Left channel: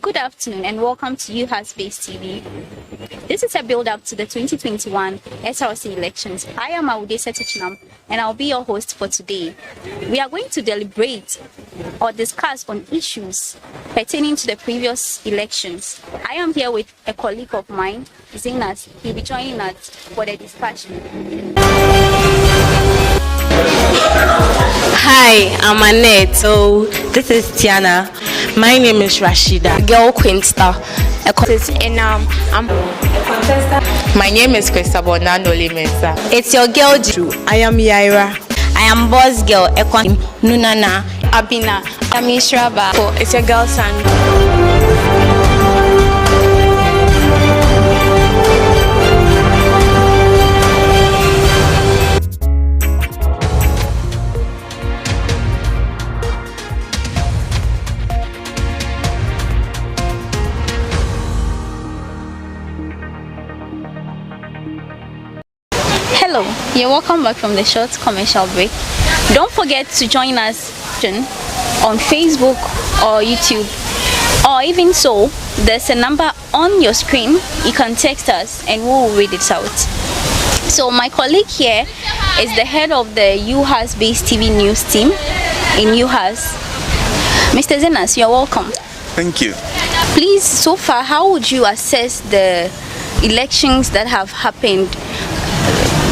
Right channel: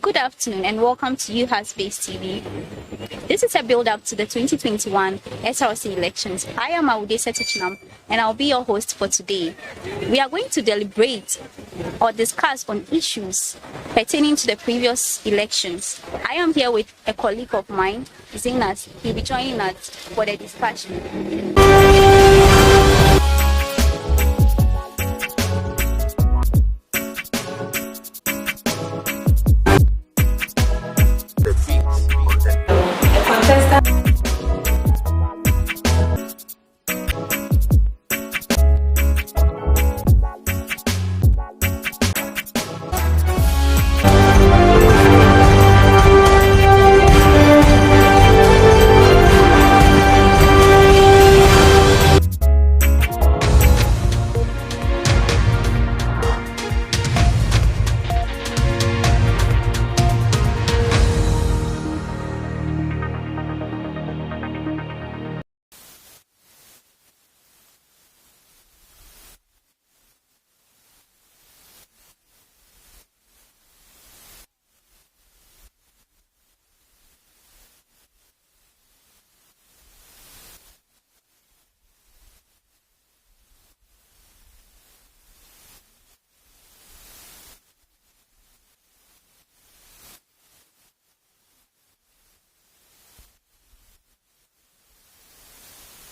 Good afternoon and welcome to UHAS Base TV. This is a build-up to the 2021 SRC Elections. I am Aude Setichinam and I'll be your host for today. We are going to deliberate or discuss on issues pertaining to the previous elections. I am here with a colleague of mine, Zenas. He'll be joining us for the discussion. Hi, I'm Annette. So this is Tiana. My name is Rashida. Girl Quinsta. And I'm a contestant. My name is Christabel Nandoli Mensa. It's your girl Drew. I am Yaira. I am boss girl Ekwan Nunana Abina. I'm Ishraba. It's your girl Sandra. Hello, you're welcome back from the short commercial break. Don't forget to join us on Facebook or YouTube, or even so, there's a number on your screen. You can text us and we'll read it out. So my colleague here is the head of the UHAS Base TV news team in UHAS. Mr. Zenas, you're welcome. Thank you. Please, so far, how would you assess the elections that have happened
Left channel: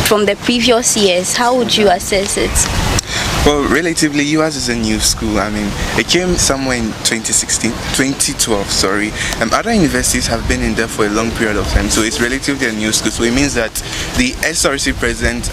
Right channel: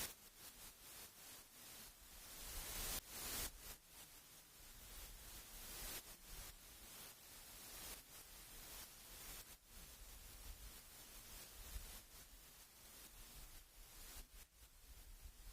from the previous years? How would you assess it? Well, relatively, UHAS is a new school. I mean, it came somewhere in 2012, sorry. Other universities have been in there for a long period of time, so it's relatively a new school. So it means that the SRC president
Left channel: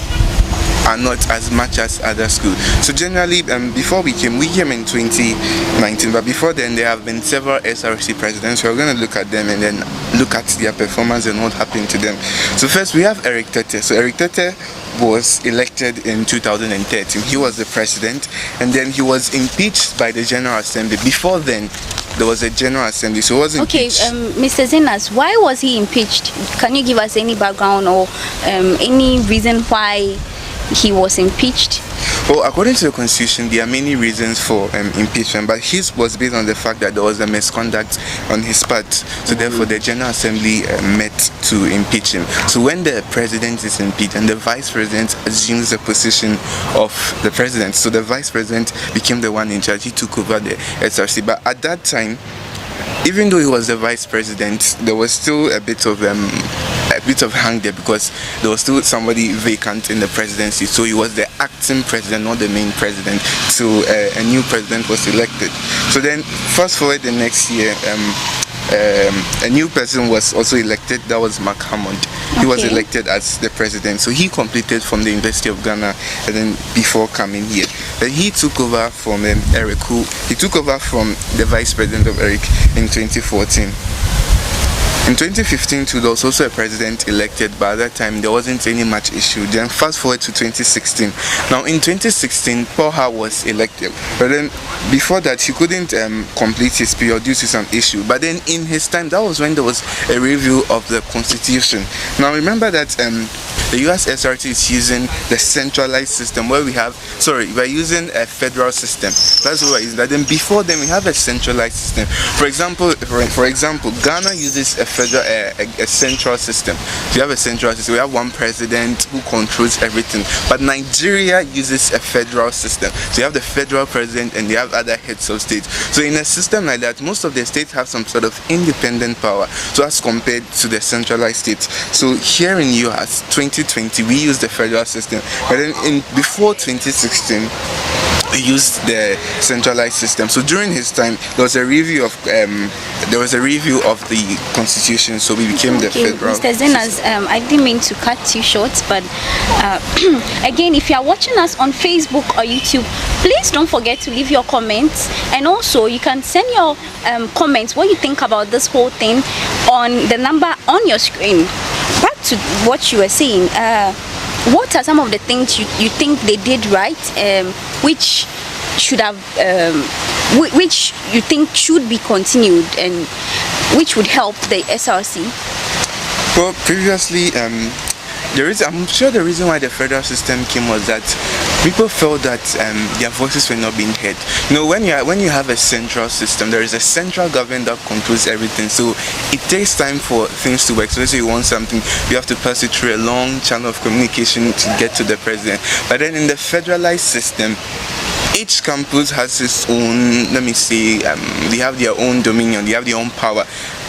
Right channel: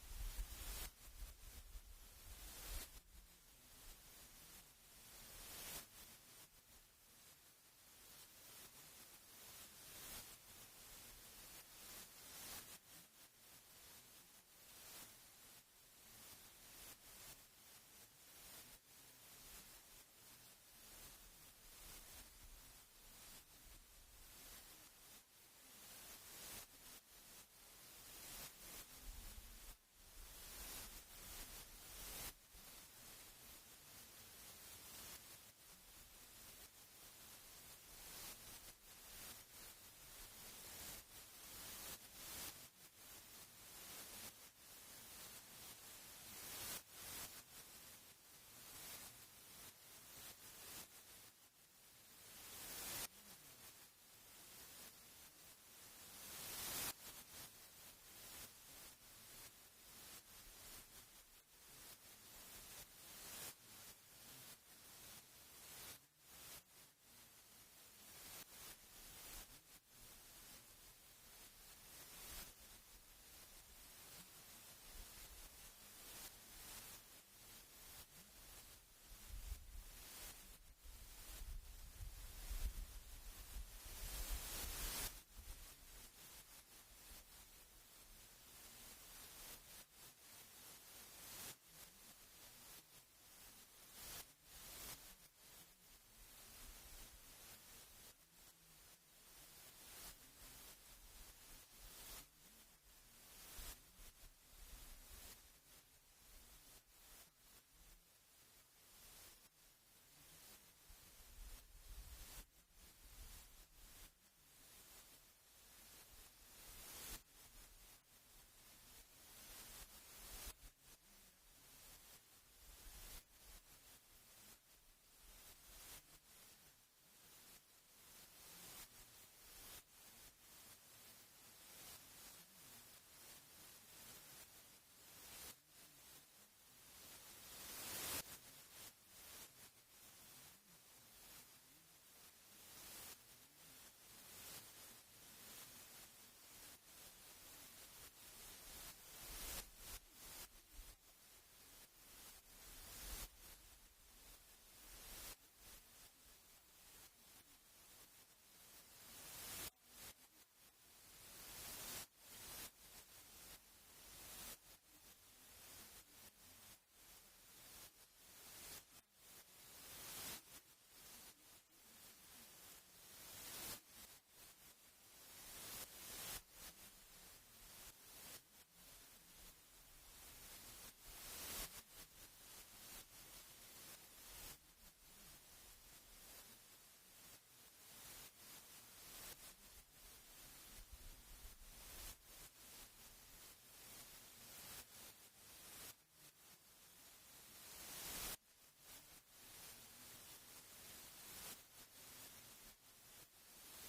are not as much as other schools. So generally, before we came in 2019, but before then there have been several SRC presidents. We're going to look at them and then look at their performance and what happened to them. So first we have Eric Tete. So Eric Tete was elected in 2013. He was the president, and then he was impeached by the General Assembly. Before then, there was a General Assembly, so it was impeached. Okay, Mr. Zenas, why was he impeached? Can you give us any background or any reason why he was impeached? Well, according to the Constitution, there are many reasons for impeachment, but his was based on the fact that there was a misconduct on his part. So therefore, the General Assembly met to impeach him. So when the president is impeached and the vice president assumes the position of the president, so the vice president became the one in charge. He took over the SRC. But at that time, even though he was the vice president, there was still a bit of hang there because there was still somebody vacant in the presidency. So he was the acting president, not the main president. So a new president was elected. So then, fast forward the next year, a new person was also elected. That was Mark Hammond. He was elected as the president. So he completed from the University of Ghana, and then before coming here, then he took over from Eric, he took over from the vice president of Eric in 2014. In 2015 too, there was also a president elected, but at that time there wasn't any much issue. Then fast forward to 2016. Now in 2016, Paul Hart was elected, but then before that he couldn't complete his period due to some issue. But then in his time, that was when there was a review of the Constitution. Now remember that the US SRT is using the centralized system where we're using a federal system. That's what we're using. But then before then we have a centralized system. For example, Ghana uses a central system. So you have a central system. We have one president who controls everything. But Nigeria uses a federal system. So you have the federal president and you have other heads of state. So in a system like that, most of the states have some sort of independent power. So as compared to the centralized states. So here in UHAS 2020, we use the federal system. But then before 2016, we used the centralized system. So during his time, there was a review of the Constitution. So we became the federal. Mr. Zenas, I didn't mean to cut you short, but again, if you are watching us on Facebook or YouTube, please don't forget to leave your comments, and also you can send your comments what you think about this whole thing on the number on your screen. Back to what you were saying. What are some of the things you think they did right, which should have, which you think should be continued, and which would help the SRC? Well, previously, I'm sure the reason why the federal system came was that people felt that their voices were not being heard. You know, when you have a central system, there is a central government that controls everything. So it takes time for things to work. So let's say you want something, you have to pass it through a long channel of communication to get to the president. But then in the federalized system, each campus has its own, let me say, they have their own dominion, they have their own power.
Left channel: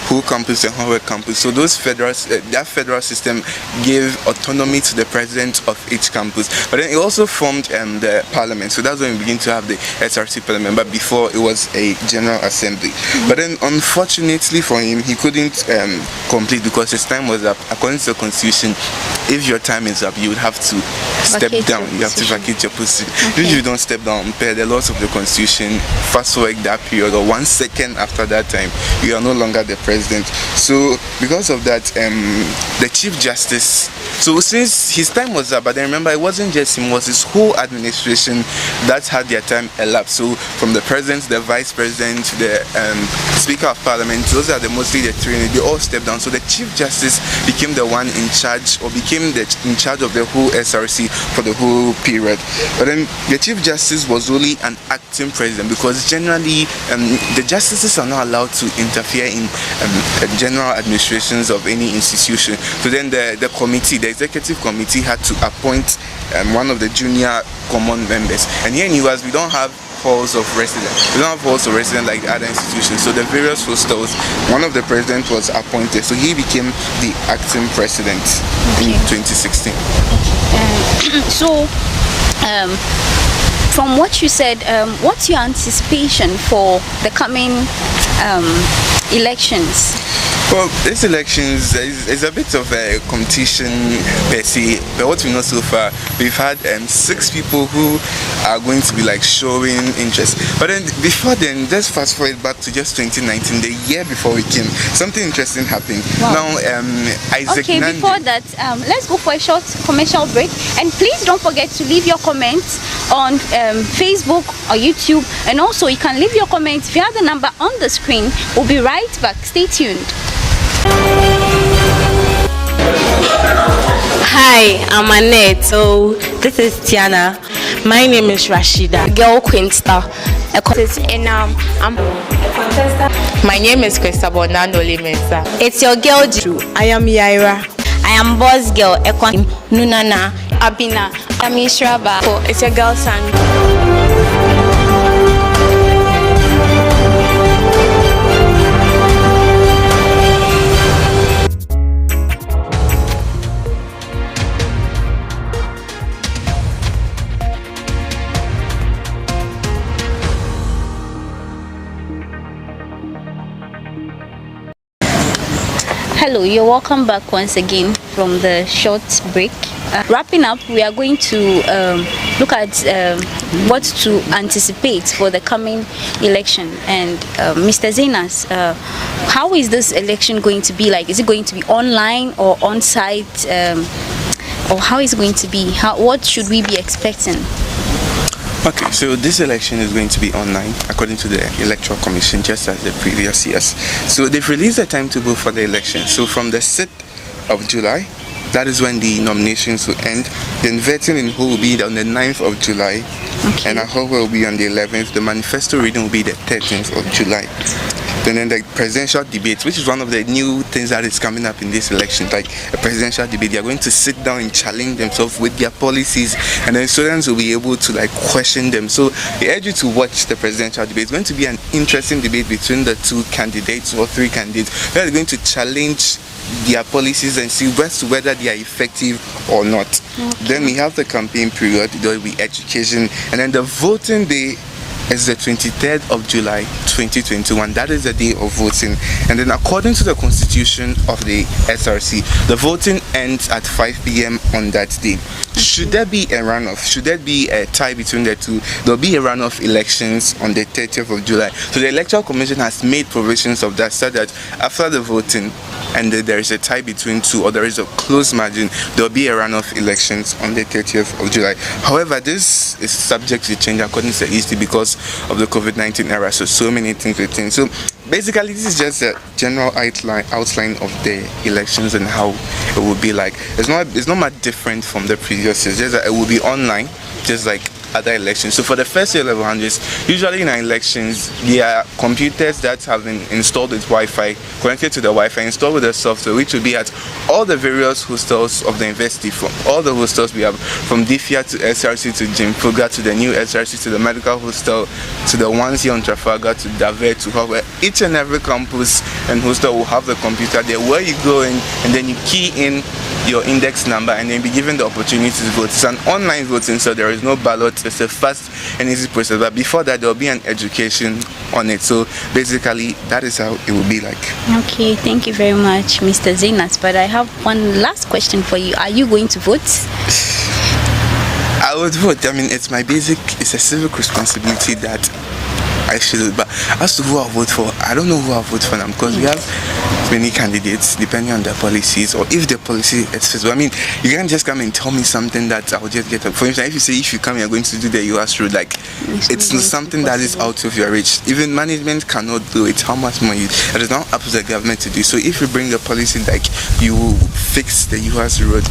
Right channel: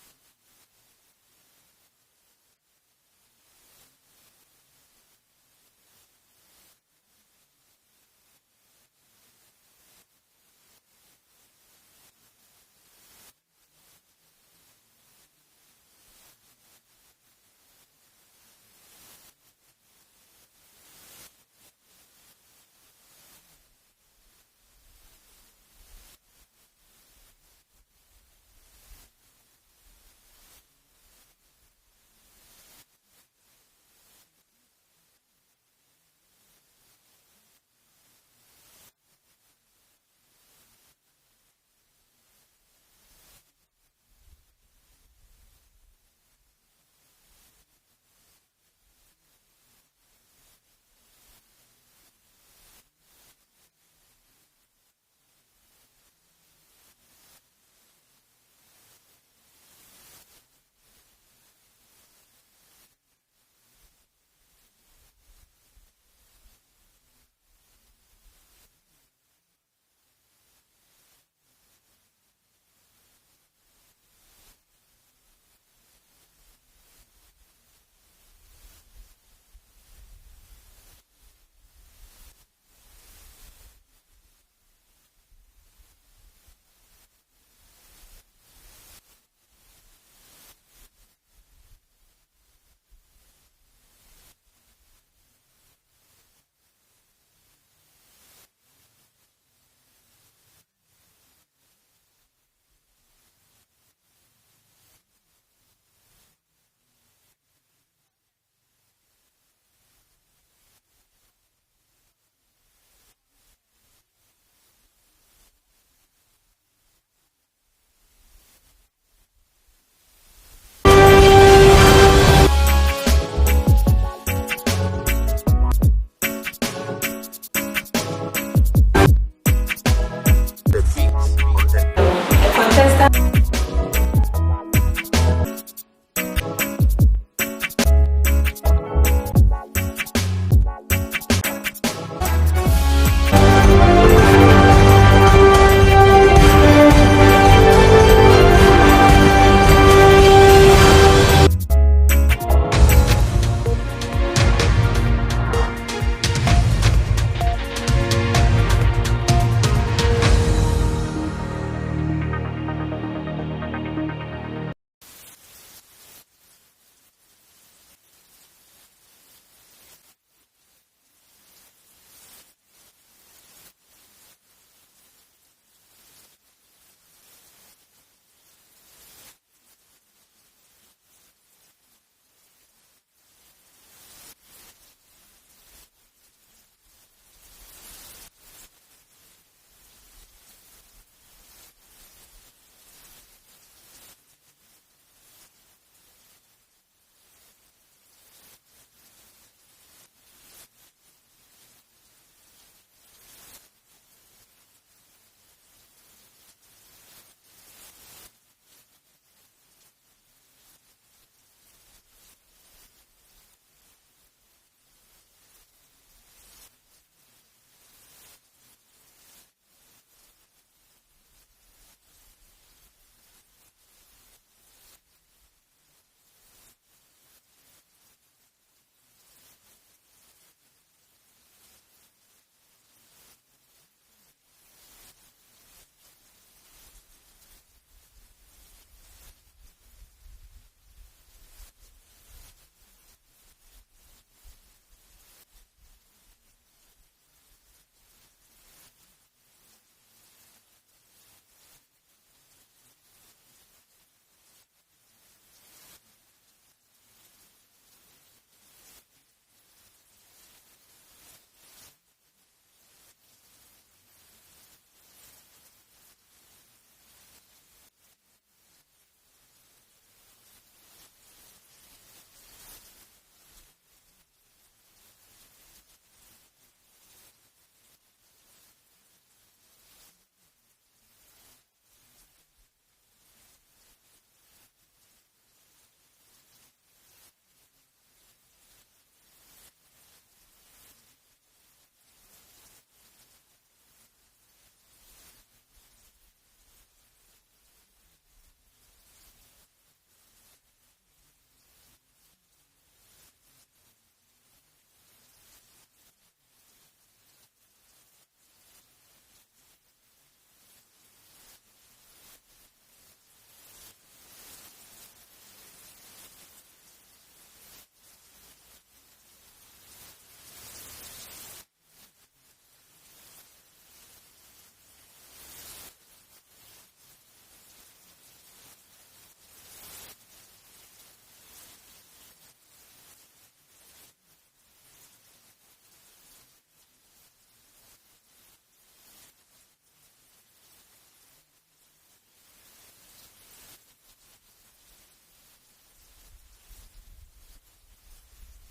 Who campus and Howard campus. So those that federal system gave autonomy to the president of each campus. But then it also formed the parliament. So that's when we begin to have the SRC parliament. But before it was a general assembly. But then unfortunately for him, he couldn't complete because his time was up. According to the constitution, if your time is up, you would have to step down. You have to vacate your position. If you don't step down, per the laws of the constitution, fast forward that period or 1 second after that time, you are no longer the president. So because of that, the Chief Justice, so since his time was up, but then remember it wasn't just him, it was his whole administration that had their time elapsed. So from the president, the vice president, the Speaker of Parliament, those are mostly the three, they all stepped down. So the Chief Justice became the one in charge, or became in charge of the whole SRC for the whole period. But then the Chief Justice was only an acting president, because generally the justices are not allowed to interfere in general administrations of any institution. So then the committee, the executive committee, had to appoint one of the junior common members. And here in UHAS, we don't have halls of residence. We don't have halls of residence like the other institutions. So the various hostels, one of the presidents was appointed. So he became the acting president in 2016. From what you said, what's your anticipation for the coming elections? Well, this elections is a bit of a competition per se, but what we know so far, we've had 6 people who are going to be like showing interest. But then before then, just fast forward back to just 2019, the year before we came, something interesting happened. Wow. Now, Isaac Okay, Nandi, before that, let's go for a short commercial break. And please don't forget to leave your comments on Facebook or YouTube. And also, you can leave your comments via the number on the screen. We'll be right back. Stay tuned. Hi, I'm Annette. So this is Tiana. My name is Rashida. Girl Queen Star. And I'm a contestant. My name is Christabel Nandoli Mensa. It's your girl Drew. I am Yaira. I am boss girl Ekwan Nunana Abina. I'm Ishraba. It's your girl Sandy. Hello, you're welcome back once again from the short break. Wrapping up, we are going to look at what to anticipate for the coming election. And Mr. Zenas, how is this election going to be like? Is it going to be online or on-site? Or how is it going to be? What should we be expecting? Okay, so this election is going to be online according to the Electoral Commission, just as the previous years. So they've released the timetable for the election. So from the 6th of July, that is when the nominations will end. Then voting in who will be on the 9th of July, okay, and a whole will be on the 11th. The manifesto reading will be the 13th of July. Then the presidential debate, which is one of the new things that is coming up in this election, like a presidential debate. They are going to sit down and challenge themselves with their policies, and then students will be able to like question them. So I urge you to watch the presidential debate. It's going to be an interesting debate between the 2 candidates or 3 candidates. They are going to challenge their policies and see whether they are effective or not. Okay. Then we have the campaign period. There will be education, and then the voting day is the 23rd of July 2021. That is the day of voting. And then according to the constitution of the SRC, the voting ends at 5 p.m. on that day. Should there be a runoff, should there be a tie between the two, there will be a runoff elections on the 30th of July. So the Electoral Commission has made provisions of that, so that after the voting and there is a tie between 2, or there is a close margin, there will be a runoff elections on the 30th of July. However, this is subject to change according to the EC because of the COVID-19 era. So many things will change. So basically, this is just a general outline of the elections and how it will be like. It's not much different from the previous years. Just that it will be online, just like other elections. So for the first year level 100s, usually in our elections, there are computers that have been installed with Wi-Fi, connected to the Wi-Fi, installed with the software, which will be at all the various hostels of the university. From all the hostels we have, from DFIA to SRC to Jim Fuga to the new SRC to the medical hostel to the ones here on Trafalgar to Davet to Howard. Each and every campus and hostel will have the computer there where you go in and then you key in your index number and then be given the opportunity to vote. It's an online voting, so there is no ballot. It's a fast and easy process. But before that, there will be an education on it. So basically, that is how it will be like. Okay, thank you very much, Mr. Zenas. But I have one last question for you. Are you going to vote? I would vote. I mean, it's a civic responsibility that I should. But as to who I vote for, I don't know who I vote for now because we have many candidates depending on their policies or if the policy is feasible. I mean, you can't just come and tell me something that I will just get up. For instance, if you say if you come, you're going to do the UHAS road, like it's not something that is out of your reach. Even management cannot do it. How much more it is not up to the government to do. So if you bring a policy like you fix the UHAS road,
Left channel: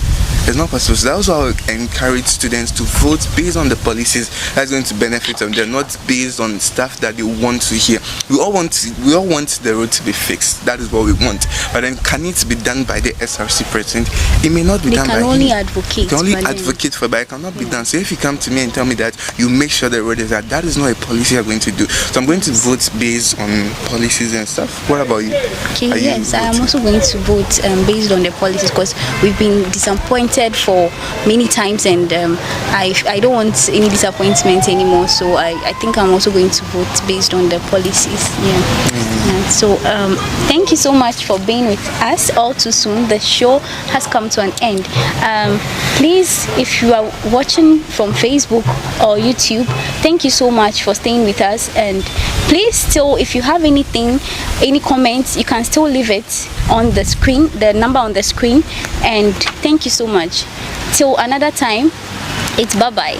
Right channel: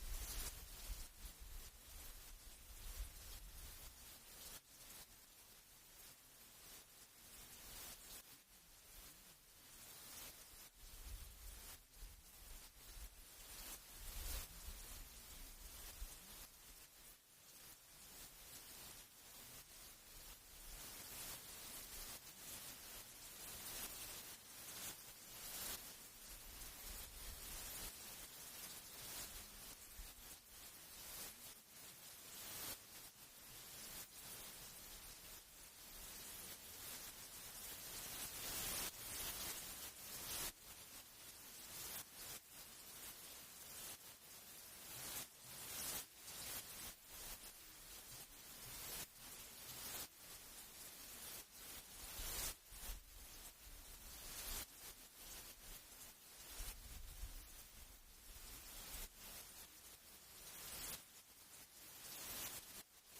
it's not possible. So that's why I encourage students to vote based on the policies that's going to benefit them. They're not based on stuff that they want to hear. We all want the road to be fixed. That is what we want. But then can it be done by the SRC president? It may not be done by him. They can only advocate for it, but it cannot be done. So if you come to me and tell me that you make sure the road is that is not a policy you're going to do. So I'm going to vote based on policies and stuff. What about you? Okay, yes, I am also going to vote based on the policies because we've been disappointed for many times and I don't want any disappointment anymore. So I think I'm also going to vote based on the policies. So thank you so much for being with us. All too soon, the show has come to an end. Please, if you are watching from Facebook or YouTube, thank you so much for staying with us. And please still, if you have anything, any comments, you can still leave it on the screen, the number on the screen. And thank you so much. Till another time, it's bye-bye.